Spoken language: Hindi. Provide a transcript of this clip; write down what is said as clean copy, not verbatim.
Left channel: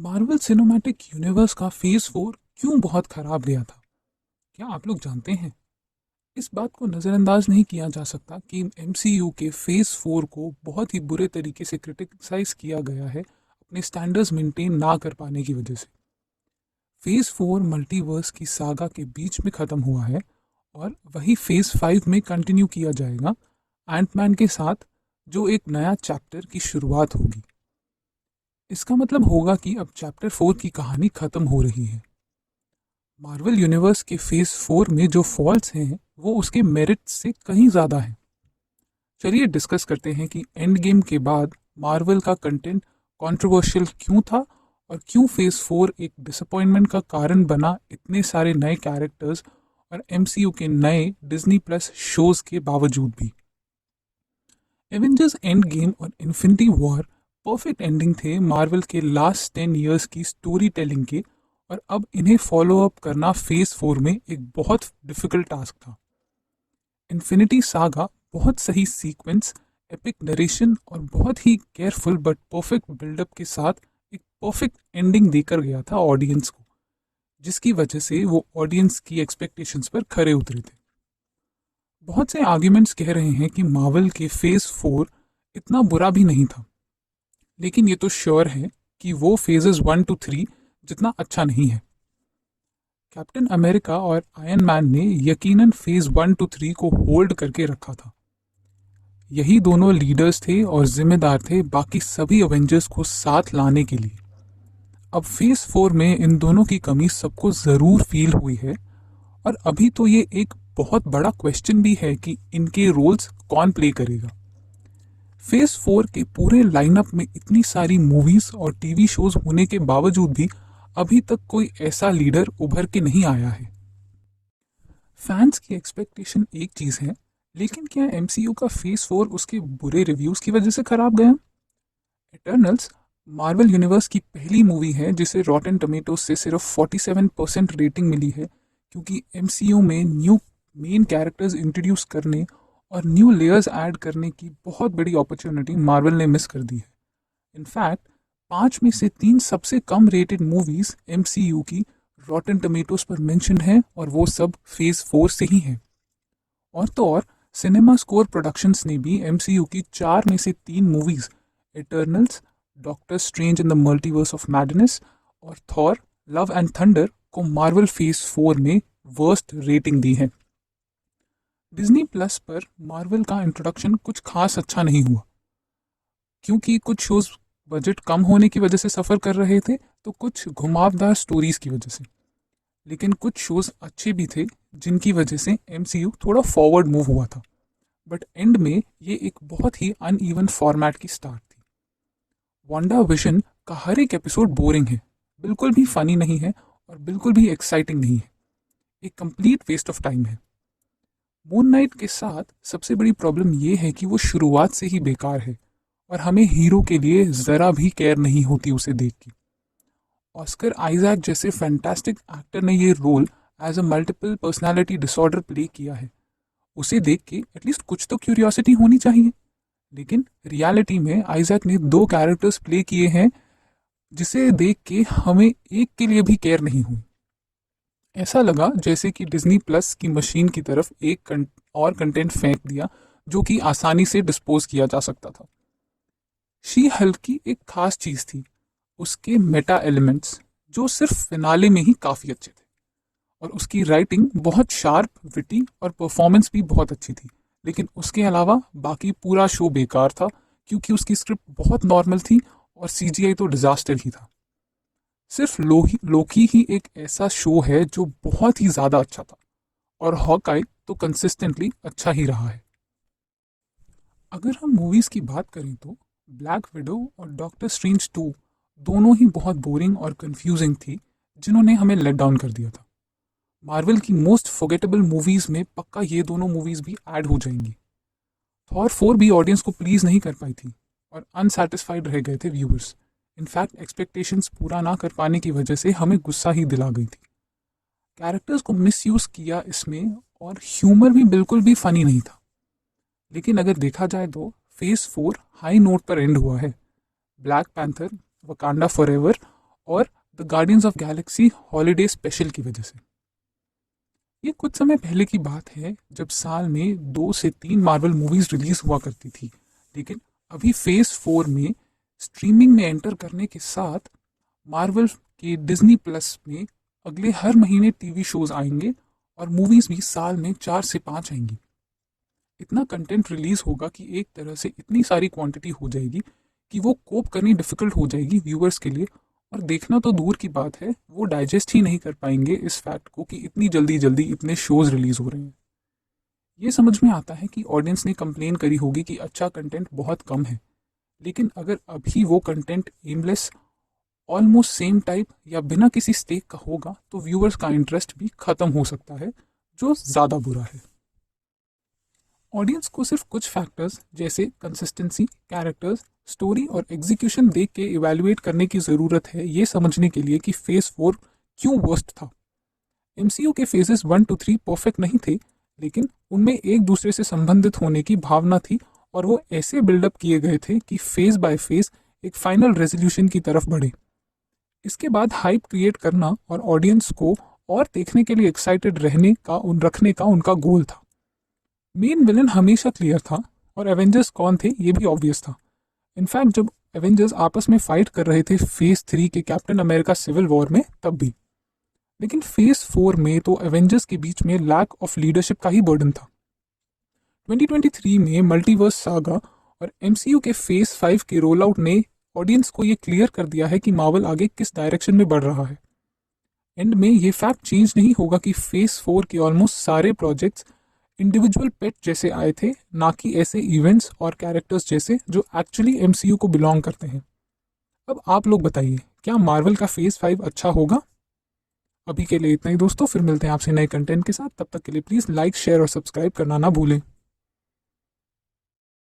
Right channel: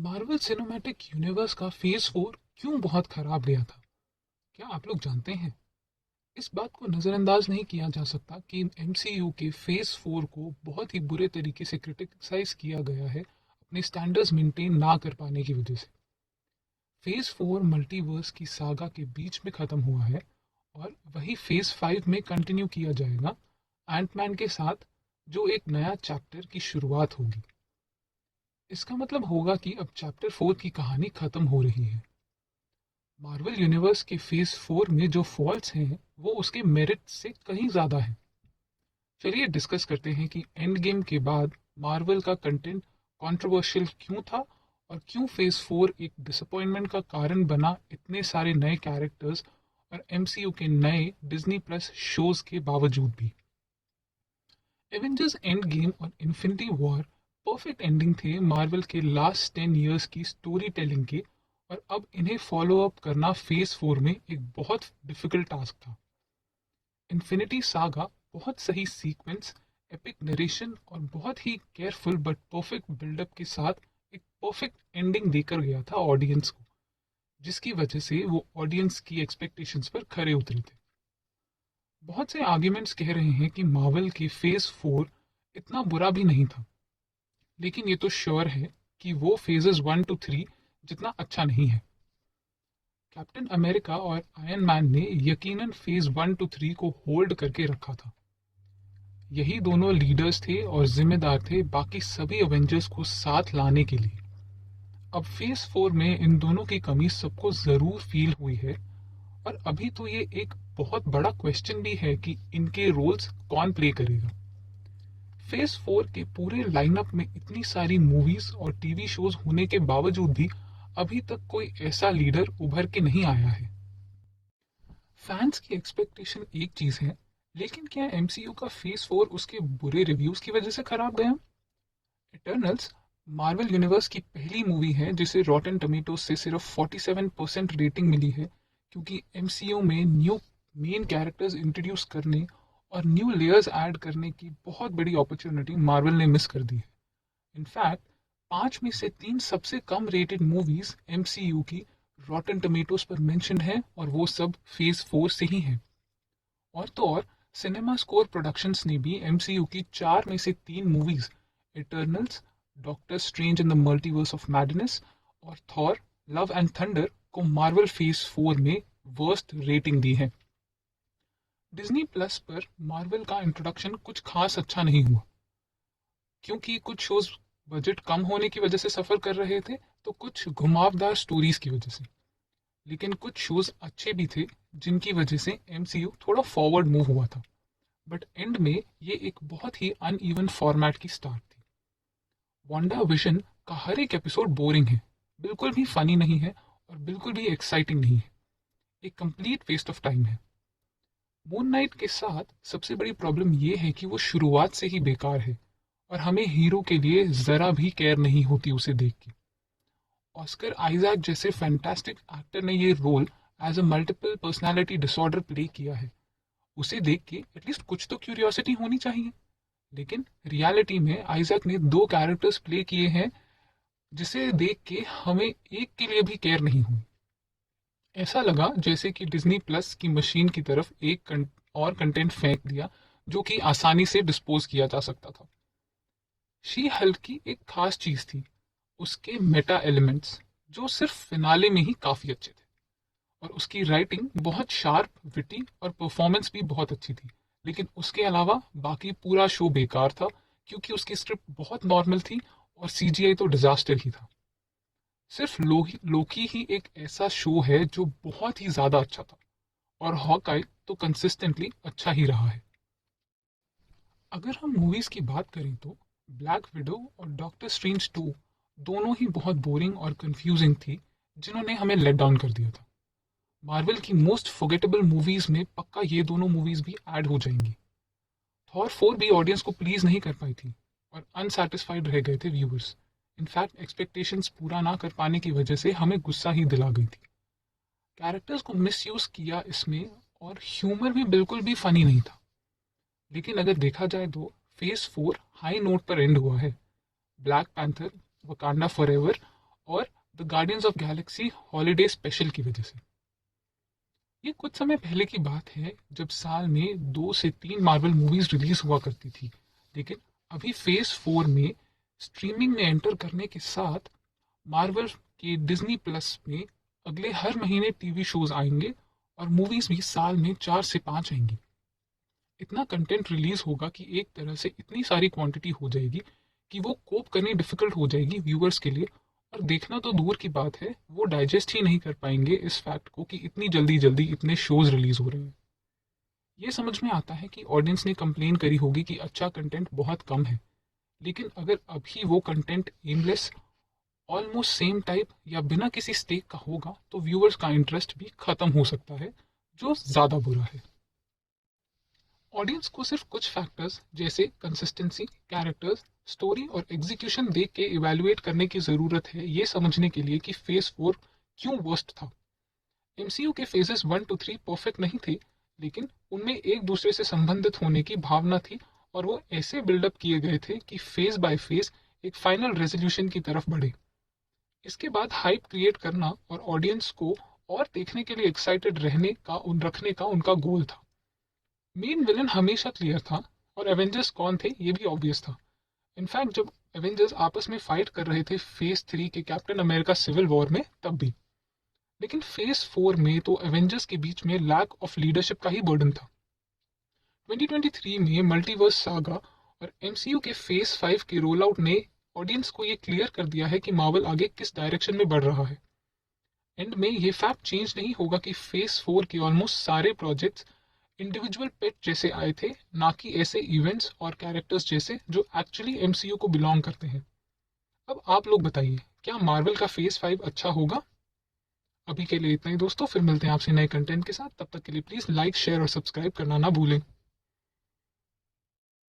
मार्वल सिनेमैटिक यूनिवर्स का फेज 4 क्यों बहुत खराब गया था? क्या आप लोग जानते हैं? इस बात को नज़रअंदाज नहीं किया जा सकता कि एमसीयू के फेज 4 को बहुत ही बुरे तरीके से क्रिटिसाइज किया गया है अपने स्टैंडर्ड्स मेंटेन ना कर पाने की वजह से। फेज 4 मल्टीवर्स की सागा के बीच में ख़त्म हुआ है और वही फेज 5 में कंटिन्यू किया जाएगा एंटमैन के साथ, जो एक नया चैप्टर की शुरुआत होगी। इसका मतलब होगा कि अब चैप्टर 4 की कहानी खत्म हो रही है। मार्वल यूनिवर्स के फेज 4 में जो फॉल्ट्स हैं वो उसके मेरिट से कहीं ज़्यादा हैं। चलिए डिस्कस करते हैं कि एंड गेम के बाद मार्वल का कंटेंट कंट्रोवर्शियल क्यों था और क्यों फेज 4 एक डिसअपॉइंटमेंट का कारण बना इतने सारे नए कैरेक्टर्स और एमसीयू के नए डिज्नी प्लस शोज के बावजूद भी। एवेंजर्स एंड गेम और इन्फिनिटी वॉर परफेक्ट एंडिंग थे मार्वल के लास्ट 10 इयर्स की स्टोरी टेलिंग के, और अब इन्हें फॉलो अप करना फेज 4 में एक बहुत डिफिकल्ट टास्क था। इन्फिनिटी सागा बहुत सही सीक्वेंस, एपिक नरेशन और बहुत ही केयरफुल बट परफेक्ट बिल्डअप के साथ एक परफेक्ट एंडिंग देकर गया था ऑडियंस को, जिसकी वजह से वो ऑडियंस की एक्सपेक्टेशंस पर खरे उतरे थे। बहुत से आर्ग्यूमेंट्स कह रहे हैं कि मार्वल के फेज 4 इतना बुरा भी नहीं था, लेकिन ये तो श्योर है कि वो फेजेस 1 to 3 जितना अच्छा नहीं है। कैप्टन अमेरिका और आयरन मैन ने यकीनन फेज 1 to 3 को होल्ड करके रखा था। यही दोनों लीडर्स थे और जिम्मेदार थे बाकी सभी अवेंजर्स को साथ लाने के लिए। अब फेज 4 में इन दोनों की कमी सबको ज़रूर फील हुई है, और अभी तो ये एक बहुत बड़ा क्वेश्चन भी है कि इनके रोल्स कौन प्ले करेगा। फेज 4 के पूरे लाइनअप में इतनी सारी मूवीज और टीवी शोज होने के बावजूद भी अभी तक कोई ऐसा लीडर उभर के नहीं आया है। फैंस की एक्सपेक्टेशन एक चीज है, लेकिन क्या एमसीयू का फेज 4 उसके बुरे रिव्यूज की वजह से खराब गया? इटर्नल्स मार्वल यूनिवर्स की पहली मूवी है जिसे रॉटन टमेटोज से सिर्फ 47% रेटिंग मिली है, क्योंकि एमसीयू में न्यू मेन कैरेक्टर्स इंट्रोड्यूस करने और न्यू लेयर्स ऐड करने की बहुत बड़ी अपॉर्चुनिटी मार्वल ने मिस कर दी है। इनफैक्ट 5 में से 3 सबसे कम रेटेड मूवीज एमसीयू की रॉटन टमेटोज पर मेंशन है, और वो सब फेज 4 से ही हैं। और तो और सिनेमा स्कोर प्रोडक्शंस ने भी एमसीयू की 4 में से 3 movies Eternals, Doctor Strange in the Multiverse of Madness और थॉर लव एंड थंडर को मार्वल फेज 4 में वर्स्ट रेटिंग दी है। डिज्नी प्लस पर मार्वल का इंट्रोडक्शन कुछ खास अच्छा नहीं हुआ, क्योंकि कुछ शोज बजट कम होने की वजह से सफ़र कर रहे थे, तो कुछ घुमावदार स्टोरीज की वजह से। लेकिन कुछ शोज अच्छे भी थे जिनकी वजह से एमसीयू थोड़ा फॉरवर्ड मूव हुआ था। बट एंड में ये एक बहुत ही अनइवन फॉर्मेट की स्टार्ट थी। वांडा विजन का हर एक एपिसोड बोरिंग है, बिल्कुल भी फनी नहीं है और बिल्कुल भी एक्साइटिंग नहीं है। एक कंप्लीट वेस्ट ऑफ टाइम है। मून नाइट के साथ सबसे बड़ी प्रॉब्लम ये है कि वो शुरुआत से ही बेकार है और हमें हीरो के लिए ज़रा भी केयर नहीं होती उसे देख के। ऑस्कर आइजैक जैसे फैंटास्टिक एक्टर ने ये role as a multiple personality disorder play किया है, उसे देख के एटलीस्ट कुछ तो क्यूरियोसिटी होनी चाहिए। लेकिन रियलिटी में आइजैक ने 2 कैरेक्टर्स प्ले किए हैं जिसे देख के हमें एक के लिए भी केयर नहीं हुई। ऐसा लगा जैसे कि डिज्नी प्लस की मशीन की तरफ और कंटेंट फेंक दिया जो कि आसानी से डिस्पोज किया जा सकता था। शी हल्क की एक खास चीज थी उसके मेटा एलिमेंट्स, जो सिर्फ फिनाले में ही काफी अच्छे थे, और उसकी राइटिंग बहुत शार्प, विटी और परफॉर्मेंस भी बहुत अच्छी थी। लेकिन उसके अलावा बाकी पूरा शो बेकार था, क्योंकि उसकी स्क्रिप्ट बहुत नॉर्मल थी और सीजीआई तो डिजास्टर ही था। सिर्फ लोकी ही एक ऐसा शो है जो बहुत ही ज्यादा अच्छा था, और हॉकाई तो कंसिस्टेंटली अच्छा ही रहा है। अगर हम मूवीज की बात करें तो ब्लैक विडो और डॉक्टर स्ट्रेंज 2 दोनों ही बहुत बोरिंग और कंफ्यूजिंग थी, जिन्होंने हमें लेट डाउन कर दिया था। मार्वल की मोस्ट फॉरगेटेबल मूवीज में पक्का ये दोनों मूवीज भी ऐड हो जाएंगी। थॉर 4 भी ऑडियंस को प्लीज नहीं कर पाई थी और अनसेटिस्फाइड रह गए थे व्यूअर्स। इनफैक्ट एक्सपेक्टेशंस पूरा ना कर पाने की वजह से हमें गुस्सा ही दिला गई थी। कैरेक्टर्स को मिसयूज किया इसमें, और ह्यूमर भी बिल्कुल भी फनी नहीं था। लेकिन अगर देखा जाए तो फेज 4 हाई नोट पर एंड हुआ है। ब्लैक पैंथर, वकांडा फॉरएवर और the guardians of Galaxy holiday special की वजह से। ये कुछ समय पहले की बात है जब साल में 2 से 3 मार्वल मूवीज रिलीज हुआ करती थी, लेकिन अभी फेज 4 में स्ट्रीमिंग में एंटर करने के साथ मार्वल के डिज्नी प्लस में अगले हर महीने टीवी शोज आएंगे और मूवीज भी साल में 4 से 5 आएंगी। इतना कंटेंट रिलीज होगा कि एक तरह से इतनी सारी क्वांटिटी हो जाएगी कि वो कोप करनी डिफिकल्ट हो जाएगी व्यूअर्स के लिए, और देखना तो दूर की बात है, वो डाइजेस्ट ही नहीं कर पाएंगे इस फैक्ट को कि इतनी जल्दी जल्दी इतने शोज रिलीज हो रहे हैं। ये समझ में आता है कि ऑडियंस ने कंप्लेन करी होगी कि अच्छा कंटेंट बहुत कम है, लेकिन अगर अभी वो content aimless, almost same type या बिना किसी स्टेक का होगा तो व्यूअर्स का इंटरेस्ट भी खत्म हो सकता है, जो ज़्यादा बुरा है। ऑडियंस को सिर्फ कुछ फैक्टर्स जैसे कंसिस्टेंसी, कैरेक्टर्स, स्टोरी और एग्जीक्यूशन देख के इवैल्यूएट करने की ज़रूरत है ये समझने के लिए कि फेज 4 क्यों वर्स्ट था। एमसीयू के फेजेस 1 to 3 परफेक्ट नहीं थे, लेकिन उनमें एक दूसरे से संबंधित होने की भावना थी और वो ऐसे बिल्डअप किए गए थे कि फेज बाय फेज एक फाइनल रेजोल्यूशन की तरफ बढ़े। इसके बाद हाइप क्रिएट करना और ऑडियंस को और देखने के लिए एक्साइटेड रखने का उनका गोल था। मेन विलन हमेशा क्लियर था और एवेंजर्स कौन थे ये भी ऑब्वियस था। इनफैक्ट जब एवेंजर्स आपस में फाइट कर रहे थे फेज 3 के कैप्टन अमेरिका सिविल वॉर में तब भी। लेकिन फेज 4 में तो एवेंजर्स के बीच में लैक ऑफ लीडरशिप का ही बर्डन था। 2023 में मल्टीवर्स सागा और एमसीयू के फेज 5 के रोल आउट ने ऑडियंस को ये क्लियर कर दिया है कि मार्वल आगे किस डायरेक्शन में बढ़ रहा है। एंड में ये फैक्ट चेंज नहीं होगा कि फेज 4 के ऑलमोस्ट सारे प्रोजेक्ट्स इंडिविजुअल पेट जैसे आए थे, ना कि ऐसे इवेंट्स और कैरेक्टर्स जैसे जो एक्चुअली एमसीयू को बिलोंग करते हैं। अब आप लोग बताइए, क्या मार्वल का फेज 5 अच्छा होगा? अभी के लिए इतना ही दोस्तों, फिर मिलते हैं आपसे नए कंटेंट के साथ। तब तक के लिए प्लीज़ लाइक, शेयर और सब्सक्राइब करना ना भूलें।